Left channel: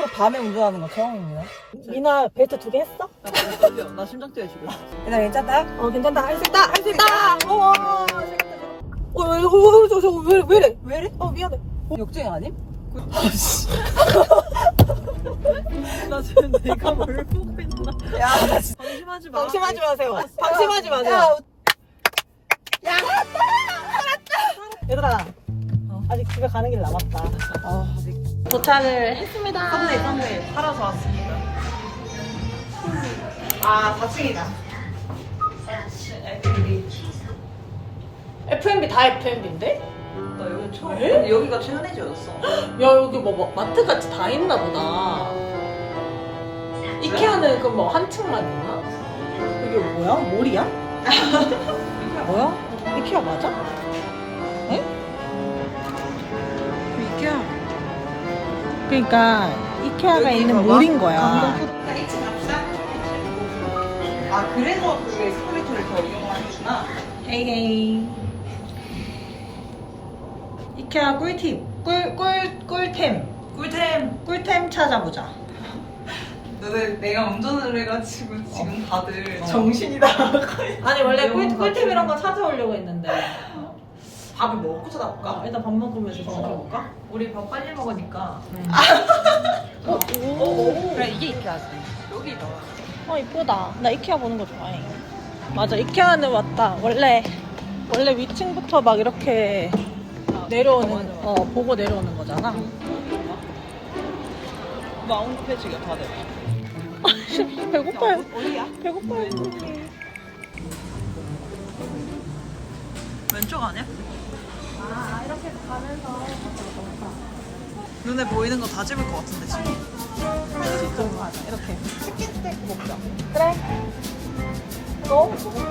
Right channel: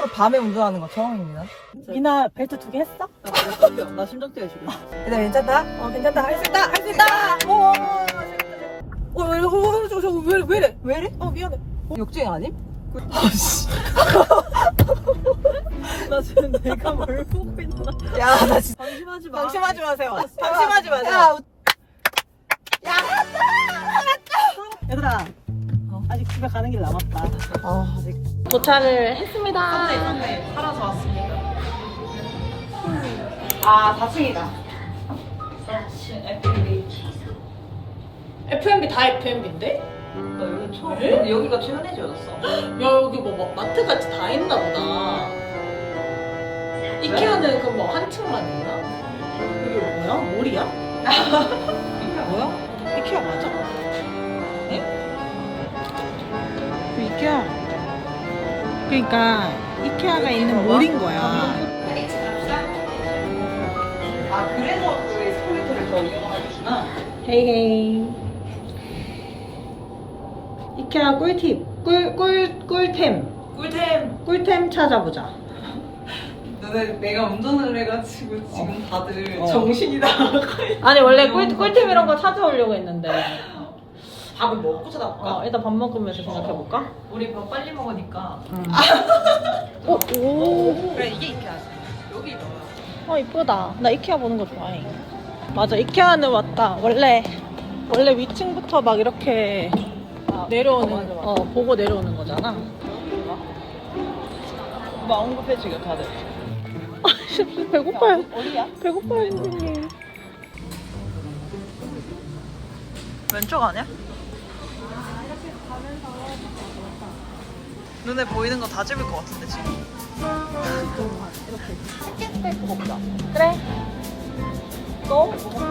일부러 밤에 운전하는 거 처음이네요. 미나 벨트 2개 했어? 나 심장 뛰어 지금. 일단 괜찮다? 괜찮다. 할 수 있다! 할 수 있다! 왜 이래? 왜 이래? 미안해. 역주행 아님? 나 지금 내가 뭘 보고 있나? 야, 나 진짜. 방심하지 마. 방심하지 마세요. 방심하지 마세요. 얘들아 아직 집에 가는 길 남았다. 아직. 도착을 했습니다. 네, 살아서 왔습니다. 아 4층이다. F&B 다 F&B인데? 나 여기 처음. 왜? 여기가 최근해졌어. 야 여기 뭐 마트같이 다 있나 보다. 이케아는 그럼 뭐 한 층만 있나? 이게 뭐야? 몰이야? 뭐야? 이케아 맞아? 응? 이케아. 그러니까 이케아가 있는 몰인 거야. 아 그래서 그 에스컬레이터를 더 이용하는구나. 헤이헤이. 이케아 꿀팁. 꿀템. 꿀템 찾아보자. 내가 운전을 해가지고 지금 다들 정신이 나가. 아니 원래 꿀템 이런 거 찾아오려고 했는데. 밥을 먹고 찾아볼까? 일단 밥 먹으면서 생각해볼까? 우리 밥 빨리 먹으니까. 오. 그래 이게 이케아지. 여기 넣어. 이쁘다. 나 이케아 보는 거 좋아해. 맞아, 이케아는 왔다. 원래 위층부터 막 이렇게 내려오는, 맞아. 보고 내려오는 거잖아. 나 언급해주게 다들. 배고파요. 어디야? 배고파요. 왼쪽 아니야? 이렇게 해서 가면서. 눈에 보이는 거 다 집을 것 같은데 지금. 맞아, 이렇게. 치킨스테이크 먹자. 그래. 너? 뭐 먹지?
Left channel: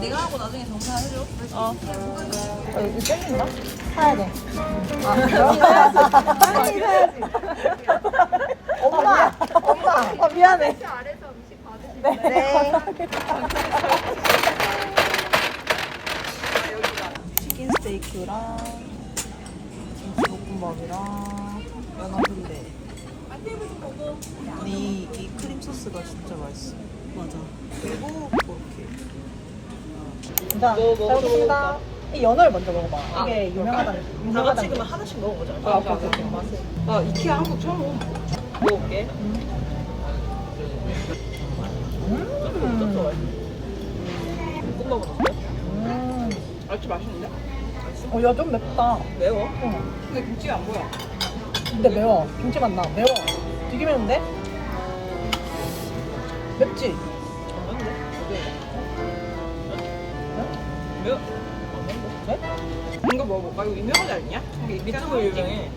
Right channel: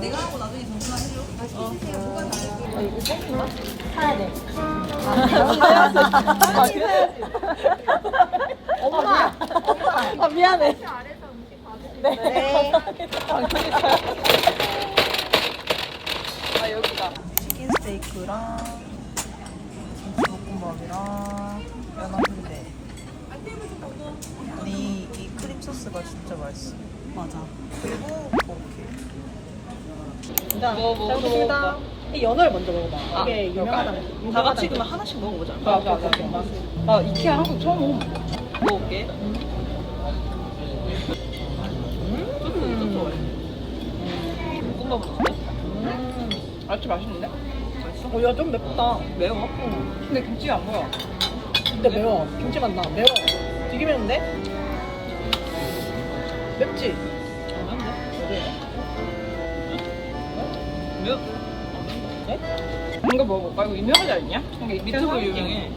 내가 하고 나중에 정산해줘. 이 땡긴가? 사야 돼. 빨리 해야지. 엄마! 미안해. 네. 치킨 스테이크랑 김치볶음밥이랑 연어인데 이 크림 소스가 진짜 맛있어. 맞아. 그리고 이렇게 자, 뭐 잘 먹겠습니다. 이 연어를 먼저 먹어봐. 이게 유명하다는. 다 같이 그러면 하나씩 먹어보자. 맛을. 나 이케아 한국 처음 먹어. 먹어볼게. 좀 좋아해. 볶음밥은 어때? 아주 맛있는데? 맛있어? 야, 좀 맵다. 매워? 근데 김치가 안 보여. 근데 매워. 김치 맛나. 매워. 되게 매운데? 맵지? 안 매운데? 매워? 안 매운데? 이거 먹어볼까? 이거 유명하지 않냐? 유튜브 유명해.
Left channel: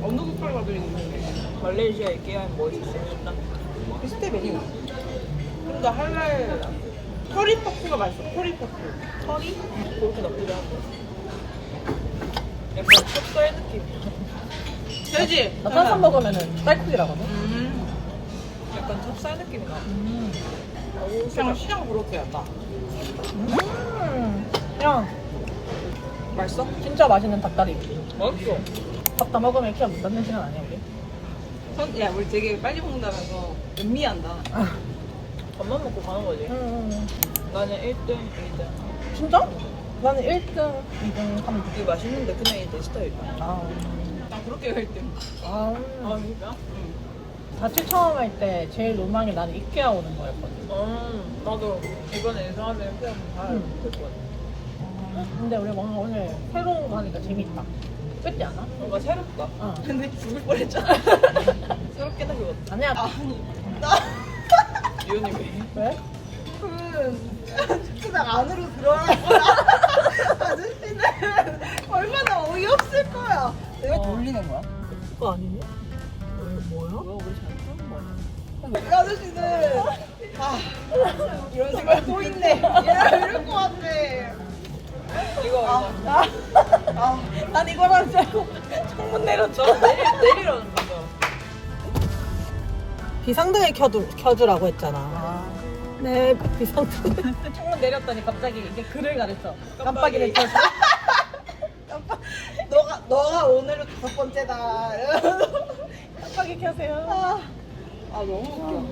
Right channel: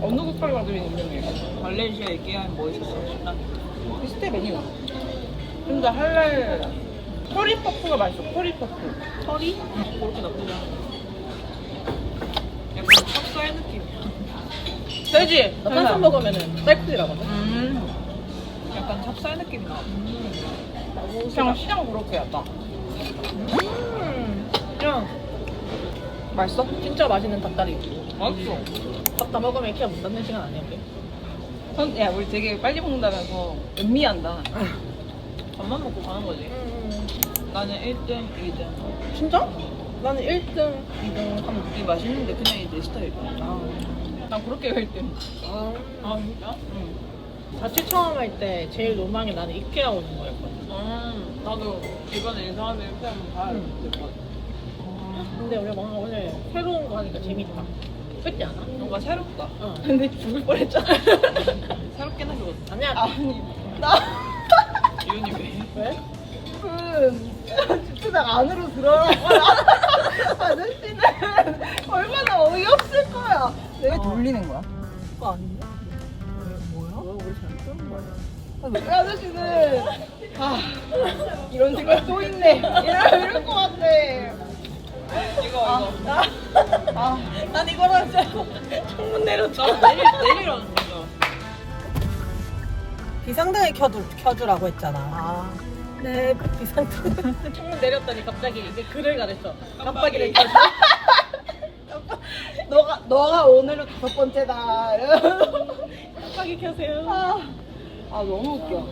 어느 국가를 가도 유명해. 말레이시아 이케아에 뭐 있었어? 식당? 비슷해 메뉴. 근데 할래 커리 퍼프가 맛있어. 커리 퍼프. 커리? 그렇게 나쁘지 않은데. 약간 찹쌀 느낌이야. 되지? 나 탄산 먹으면은 쌀국이라거든. 약간 찹쌀 느낌이 나. 그냥 시장 그렇게 약간. 그냥 맛있어? 진짜 맛있는 닭다리. 맛있어. 밥 다 먹으면 이렇게 못 닫는 시간 아니야 우리? 야, 우리 되게 빨리 먹는다면서 음미한다. 밥만 먹고 가는 거지. 나는 1등, 2등. 진짜? 나는 1등, 2등, 3등. 이게 맛있는데 그냥 이내 스타일이야. 난 그렇게 1등. 진짜? 응. 자취 처음 할 때 제일 로망이 나는 이케아 오는 거였거든. 나도 이번에 이사하면 이렇게 한번 가야 될 것 같아. 근데 우리 뭔가 오늘 새로운 거 하니까 재밌다. 그렇지 않아? 뭔가 새롭다. 근데 죽을 뻔했잖아. 새롭게 나 그거. 아니야. 이혼이 왜? 왜? 주차장 안으로 들어가고 아저씨는 얼마나 어이없을 거야. 내가 돌리는 거야. 그거 아니냐? 뭐야? 우리 잘 쓰는 거야. 그 아저씨는 이런 생각 또 있네. 이럴 것 같아. 이거. 난 이거랑 창문 내렸죠. 내리라는 거죠. 비상등을 켜주라고 했잖아. 네, 비상등. 창문 내렸더니 갑자기 이제 글을 가렸어. 깜빡이를 켜서. 너가 오늘로 5번째다. 깜빡이 켜세요. 아 너무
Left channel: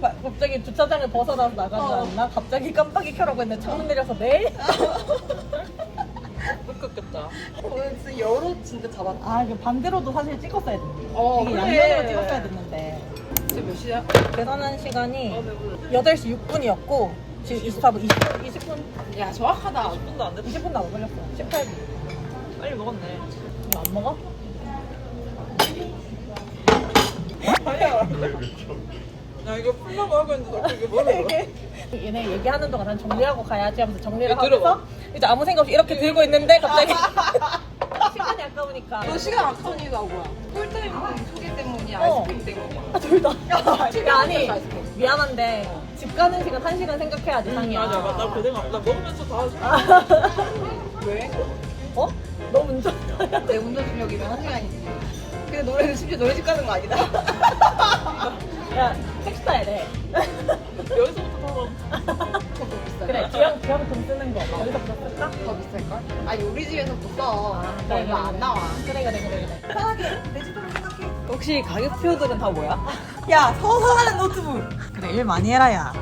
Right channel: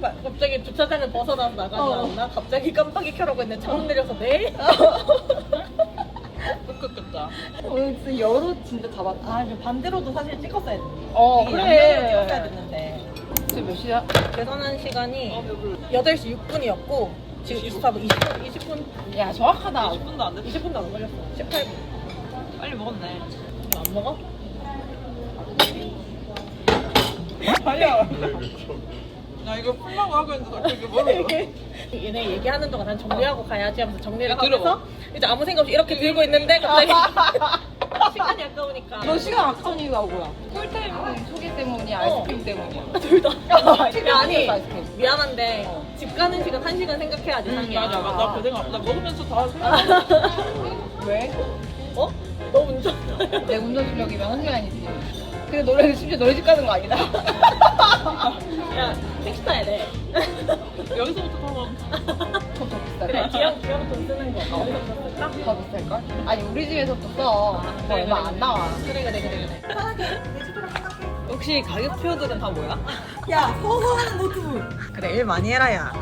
웃겨. 갑자기 주차장을 벗어나서 나가지 않나? 갑자기 깜빡이 켜라고 했는데 창문 내려서 네? 웃겼겠다. 오늘 진짜 여로 진짜 잡았다. 아, 이거 반대로도 사실 찍었어야 됐는데. 이게 그래. 양면으로 찍었어야 됐는데. 지금 몇 시야? 계산한 시간이 배불러. 8시 6분이었고 지금 24분, 20분? 야 정확하다. 20분도 안 됐어. 20분도 안 걸렸어. 18분. 빨리 먹었네. 이거 안 먹어? 아니야. 나 이거 풀라고 하고 있는데 그게 뭐를 얘네 얘기하는 동안 난 정리하고 가야지 하면서 정리를 이거 들어봐. 하면서 이제 아무 생각 없이 이렇게 들고 있는데 갑자기 시간이 아까우니까 너 시간 악선 이유가 뭐야? 꿀 때문에, 소개 때문이야, 아이스크림 때문이야. 둘 다. 야, 아니 미안한데 집 가는 시간 1시간 생각해야지 상이야. 맞아. 나 그 생각. 나 먹으면서 다 생각. 왜? 어? 너 운전. 내 운전 실력이면 한 시간이지. 근데 너네는 심지어 너희 집 가는 거 아니다. 야 택시 타야 돼. 여기서부터 타고. 그래 기왕 돈 쓰는 거 여기서 쓸까? 더 비쌀걸? 아니 우리 집에서도 써. 그래, 얼마 그래, 안 나와. 그래. 혹시 가격표들은 다 뭐야? 야 서서 하는 노트북. 그래 일 많이 해라 야.